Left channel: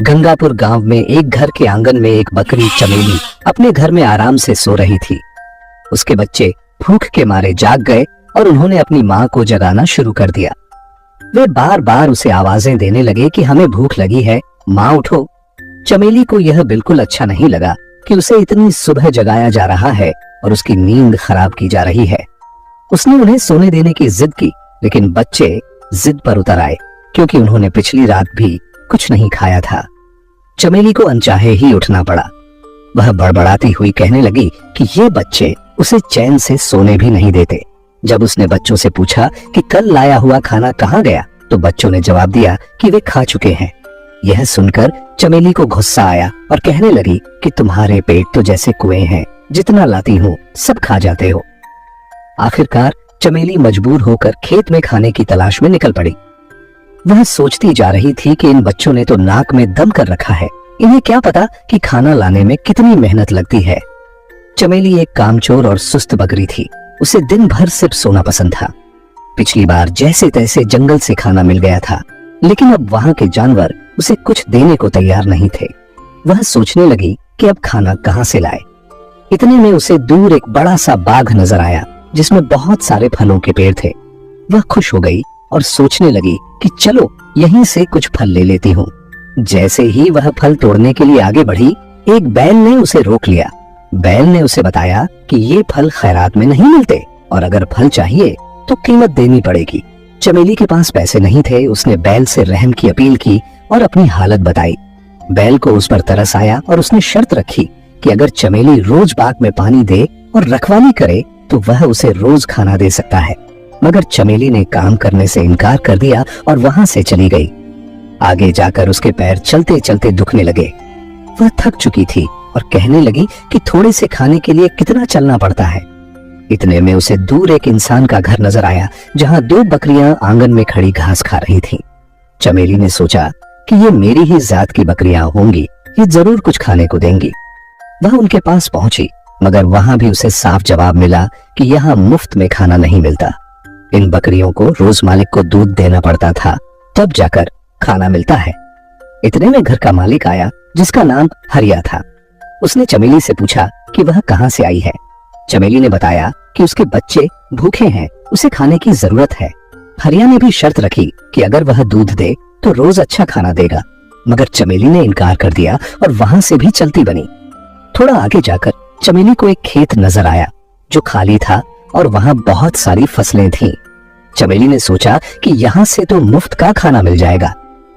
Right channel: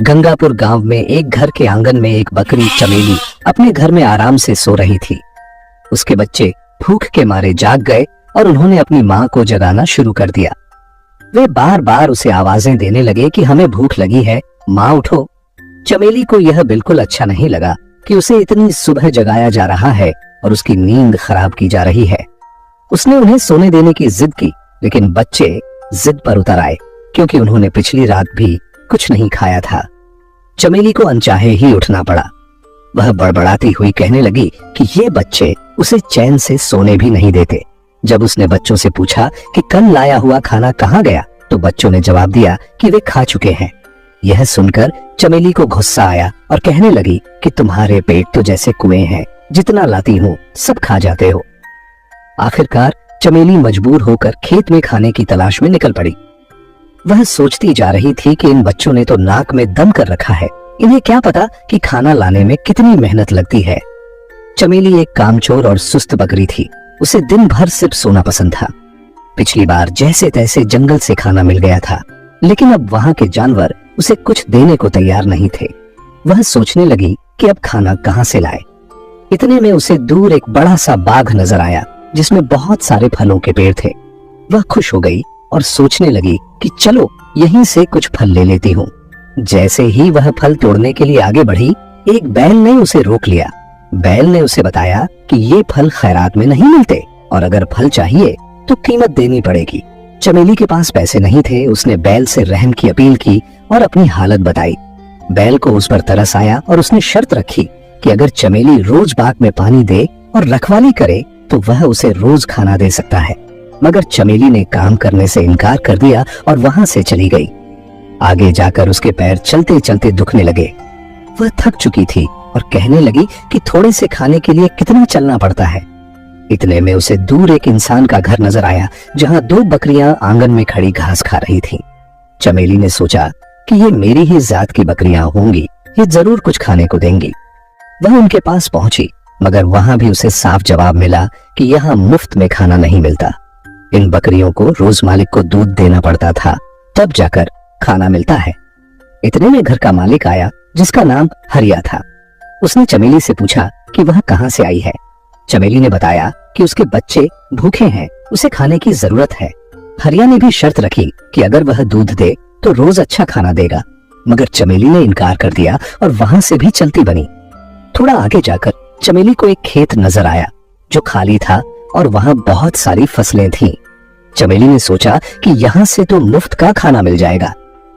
गंगापुर गांव में एक घर के आंगन में एक बकरी चमेली अपने घर में आराम से सो रही थी। उसके बच्चे भूख के मारे जाग गए और उन्होंने अपनी माँ को जगाना शुरू कर दिया। वे बार बार उसे आवाजें देने लगे कि हमें भूख लगी है, माँ उठो। चमेली को यह बिल्कुल अच्छा नहीं लगा कि उसे इतनी सुबह जगाया जा रहा है और उसकी नींद खराब की जा रही है। उसने उन्हें सोने देने की जिद की, लेकिन बच्चे जिद पर उतर आए क्योंकि उन्होंने पिछली रात भी कुछ नहीं खाया था। चमेली को अनचाहे ही उठना पड़ा। वह बड़बड़ाती हुई कहने लगी कि ये बच्चे उसे चैन से सोने भी नहीं देते। जब उसने बच्चों से पूछा कि कल लाया हुआ खाना कहाँ गया, तो बच्चों ने जवाब दिया कि वे खा चुके हैं। यह सुनकर चमेली को गुस्सा आया और कहने लगी कि तुम्हारे पेट तो जैसे कुएं हैं, जितना लाती हूँ सब खा जाते हो। आखिरकार चमेली मजबूर होकर खेत में खाने की तलाश में निकल पड़ी। वह सोचती जा रही थी कि इन बच्चों ने तो नाक में दम कर रखा है, इन्हें क्या पता कि खाना लाने में कितनी मेहनत लगती है। चमेली एक कामचोर और सुस्त बकरी थी। उसे दिन भर सिर्फ सोना पसंद था। पिछली बार जैसे तैसे जंगल से खाना मिल गया था, लेकिन अब वहां के जानवर उसे कुछ देने को तैयार नहीं थे। वह सोचने लगी कि अब खाना कहां से लाए। इतने में उसे दूर एक बड़ा सा बाग नजर आया जिसमें बहुत सारे फलों के पेड़ थे। वह खुश हो गई और सोचने लगी कि चलो यहीं से कुछ फल ले लेती हूँ। जैसे ही वह फल तोड़ने के लिए आगे बढ़ी, एक बैल ने उसे रोक लिया। बैल ने उसे बताया कि ये फल खैरात में नहीं मिलते और अगर फल चाहिए तो कीमत देनी पड़ेगी। चमेली के पास पैसे नहीं थे। उसने बैल से रहम की अपील की और अपनी हालत बताई। बैल को उस पर तरस आया और उसने शर्त रखी कि अगर चमेली रोज बाग में पानी दे और रखवाली करे तो वह उसे रोज खाना दे सकता है। मगर चमेली ने काम करने से इनकार कर दिया और वहां से चली गई। आगे जाकर उसके पैर चलते चलते दुखने लगे। वह थक चुकी थी और कहने लगी कि थोड़े से खाने के लिए कितना चलना पड़ता है। इतने में उसे दूर एक इंसान का घर नजर आया जहां दो बकरियां आंगन में खड़ी घास खा रही थीं। चमेली ने सोचा कि ये मेरी ही जात की बकरियां होंगी, ये जरूर कुछ खाने को देंगी। वह उनके पास पहुंची, मगर वहां भी उसे साफ जवाब मिला कि यहाँ मुफ्त में खाना नहीं मिलता। इन बकरियों को रोज मालिक को दूध देना पड़ता था, तब जाकर खाना मिलता है। इतने में घर का मालिक आया जिसका नाम हरिया था। उसने चमेली से पूछा कि वह कहां से आई है। चमेली ने बताया कि उसके बच्चे भूखे हैं, उसे खाने की जरूरत है। हरिया ने भी शर्त रखी कि अगर वह दूध दे तो रोज अच्छा खाना देगा, मगर चमेली ने इनकार कर दिया और वहां से भी चलती बनी। थोड़ा आगे जाकर चमेली को एक खेत नजर आया जो खाली था और वहां बहुत सारी फसलें थीं। चमेली ने सोचा कि यहाँ से तो मुफ्त का खाना मिल जाएगा।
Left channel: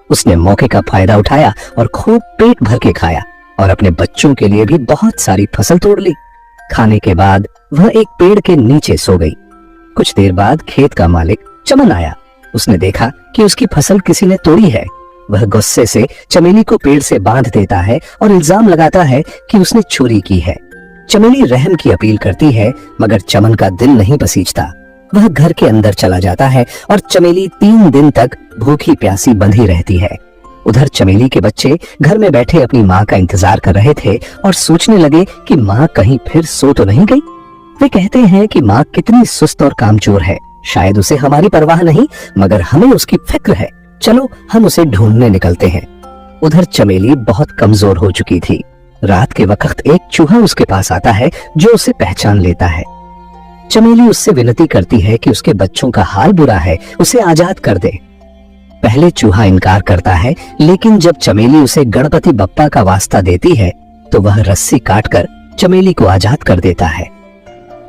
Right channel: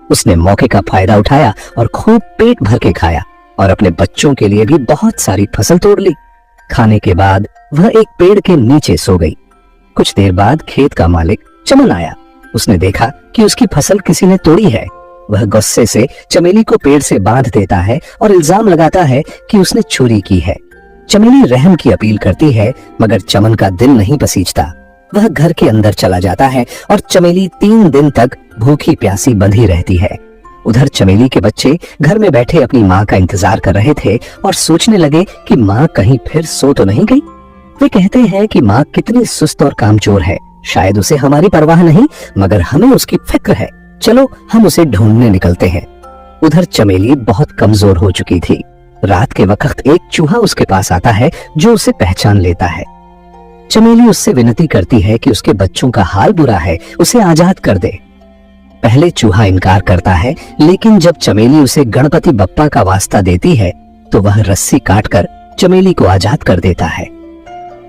उसने मौके का फायदा उठाया और खूब पेट भर के खाया और अपने बच्चों के लिए भी बहुत सारी फसल तोड़ ली। खाने के बाद वह एक पेड़ के नीचे सो गई। कुछ देर बाद खेत का मालिक चमन आया। उसने देखा कि उसकी फसल किसी ने तोड़ी है। वह गुस्से से चमेली को पेड़ से बांध देता है और इल्जाम लगाता है कि उसने चोरी की है। चमेली रहम की अपील करती है, मगर चमन का दिल नहीं पसीजता। वह घर के अंदर चला जाता है और चमेली 3 दिन तक भूखी प्यासी बंधी रहती है। उधर चमेली के बच्चे घर में बैठे अपनी माँ का इंतजार कर रहे थे और सोचने लगे कि माँ कहीं फिर सो तो नहीं गई। वे कहते हैं कि माँ कितनी सुस्त और कामचोर है, शायद उसे हमारी परवाह नहीं, मगर हमें उसकी फिक्र है। चलो हम उसे ढूंढने निकलते हैं। उधर चमेली बहुत कमजोर हो चुकी थी। रात के वक्त एक चूहा उसके पास आता है जो उसे पहचान लेता है। चमेली उससे विनती करती है कि उसके बच्चों का हाल बुरा है, उसे आजाद कर दे। पहले चूहा इनकार करता है, लेकिन जब चमेली उसे गणपति बप्पा का वास्ता देती है तो वह रस्सी काटकर चमेली को आजाद कर देता है।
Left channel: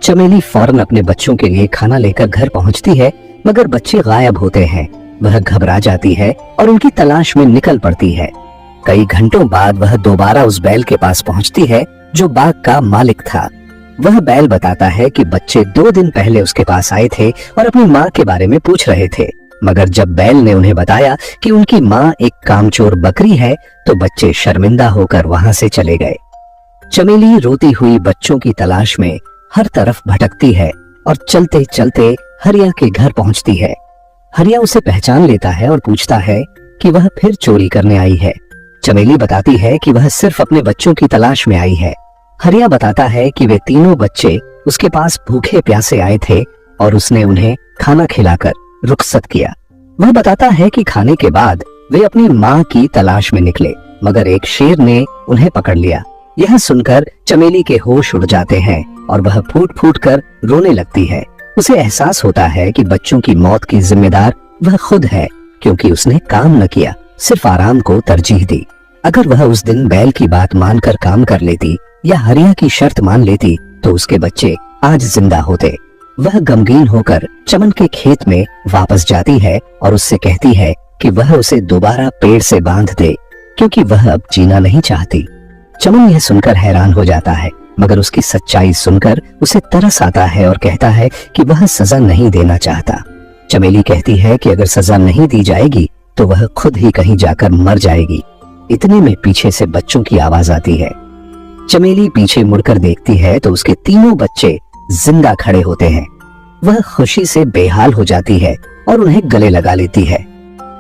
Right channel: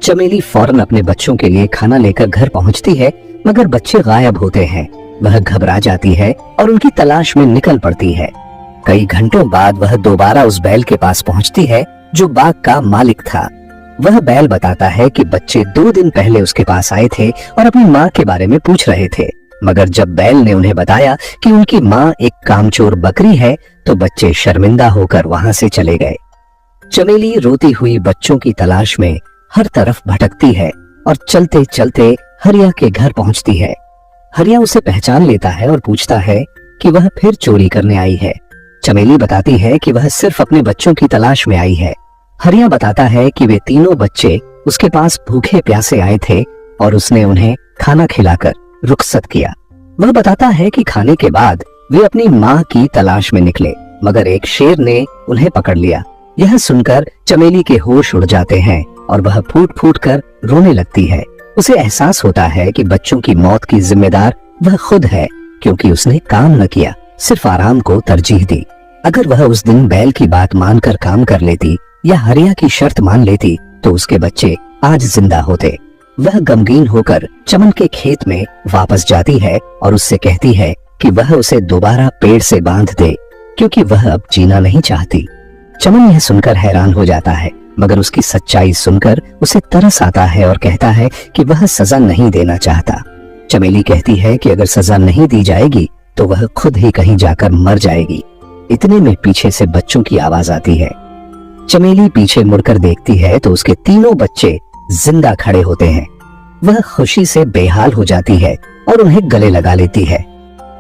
चमेली फौरन अपने बच्चों के लिए खाना लेकर घर पहुंचती है, मगर बच्चे गायब होते हैं। वह घबरा जाती है और उनकी तलाश में निकल पड़ती है। कई घंटों बाद वह दोबारा उस बैल के पास पहुंचती है जो बाग का मालिक था। वह बैल बताता है कि बच्चे 2 दिन पहले उसके पास आए थे और अपनी माँ के बारे में पूछ रहे थे, मगर जब बैल ने उन्हें बताया कि उनकी माँ एक कामचोर बकरी है तो बच्चे शर्मिंदा होकर वहां से चले गए। चमेली रोती हुई बच्चों की तलाश में हर तरफ भटकती है और चलते चलते हरिया के घर पहुंचती है। हरिया उसे पहचान लेता है और पूछता है कि वह फिर चोरी करने आई है। चमेली बताती है कि वह सिर्फ अपने बच्चों की तलाश में आई है। हरिया बताता है कि वे तीनों बच्चे उसके पास भूखे प्यासे आए थे और उसने उन्हें खाना खिलाकर रुखसत किया। वह बताता है कि खाने के बाद वे अपनी माँ की तलाश में निकले। मगर एक शेर ने उन्हें पकड़ लिया। यह सुनकर चमेली के होश उड़ जाते हैं और वह फूट फूट कर रोने लगती है। उसे एहसास होता है कि बच्चों की मौत की जिम्मेदार वह खुद है, क्योंकि उसने काम न किया, सिर्फ आराम को तरजीह दी। अगर वह उस दिन बैल की बात मानकर काम कर लेती या हरिया की शर्त मान लेती तो उसके बच्चे आज जिंदा होते। वह गमगीन होकर चमन के खेत में वापस जाती है और उससे कहती है कि वह उसे दोबारा पेड़ से बांध दे, क्योंकि वह अब जीना नहीं चाहती। चमन यह सुनकर हैरान हो जाता है, मगर उसकी सच्चाई सुनकर उसे तरस आता है और कहता है कि वह सजा नहीं देना चाहता। चमेली कहती है कि अगर सजा नहीं दी जाएगी तो वह खुद ही कहीं जाकर मर जाएगी। इतने में पीछे से बच्चों की आवाज आती है। चमेली पीछे मुड़कर देखती है तो उसके तीनों बच्चे जिंदा खड़े होते हैं। वह खुशी से बेहाल हो जाती है और उन्हें गले लगा लेती है।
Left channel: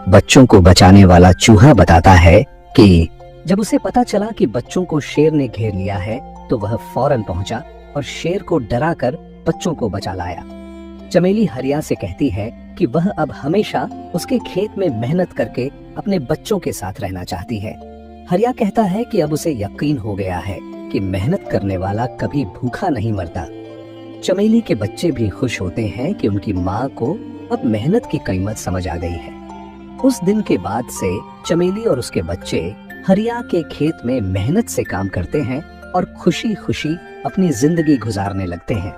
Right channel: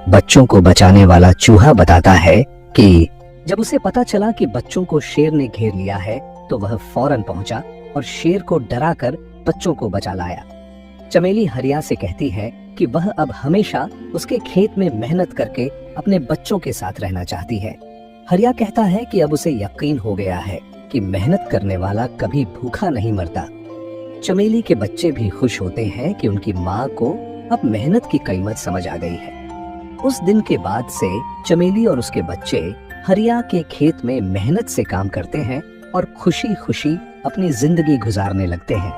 बच्चों को बचाने वाला चूहा बताता है कि जब उसे पता चला कि बच्चों को शेर ने घेर लिया है तो वह फौरन पहुंचा और शेर को डराकर बच्चों को बचा लाया। चमेली हरिया से कहती है कि वह अब हमेशा उसके खेत में मेहनत करके अपने बच्चों के साथ रहना चाहती है। हरिया कहता है कि अब उसे यकीन हो गया है कि मेहनत करने वाला कभी भूखा नहीं मरता। चमेली के बच्चे भी खुश होते हैं कि उनकी माँ को अब मेहनत की कीमत समझ आ गई है। उस दिन के बाद से चमेली और उसके बच्चे हरिया के खेत में मेहनत से काम करते हैं और खुशी खुशी अपनी जिंदगी गुजारने लगते हैं।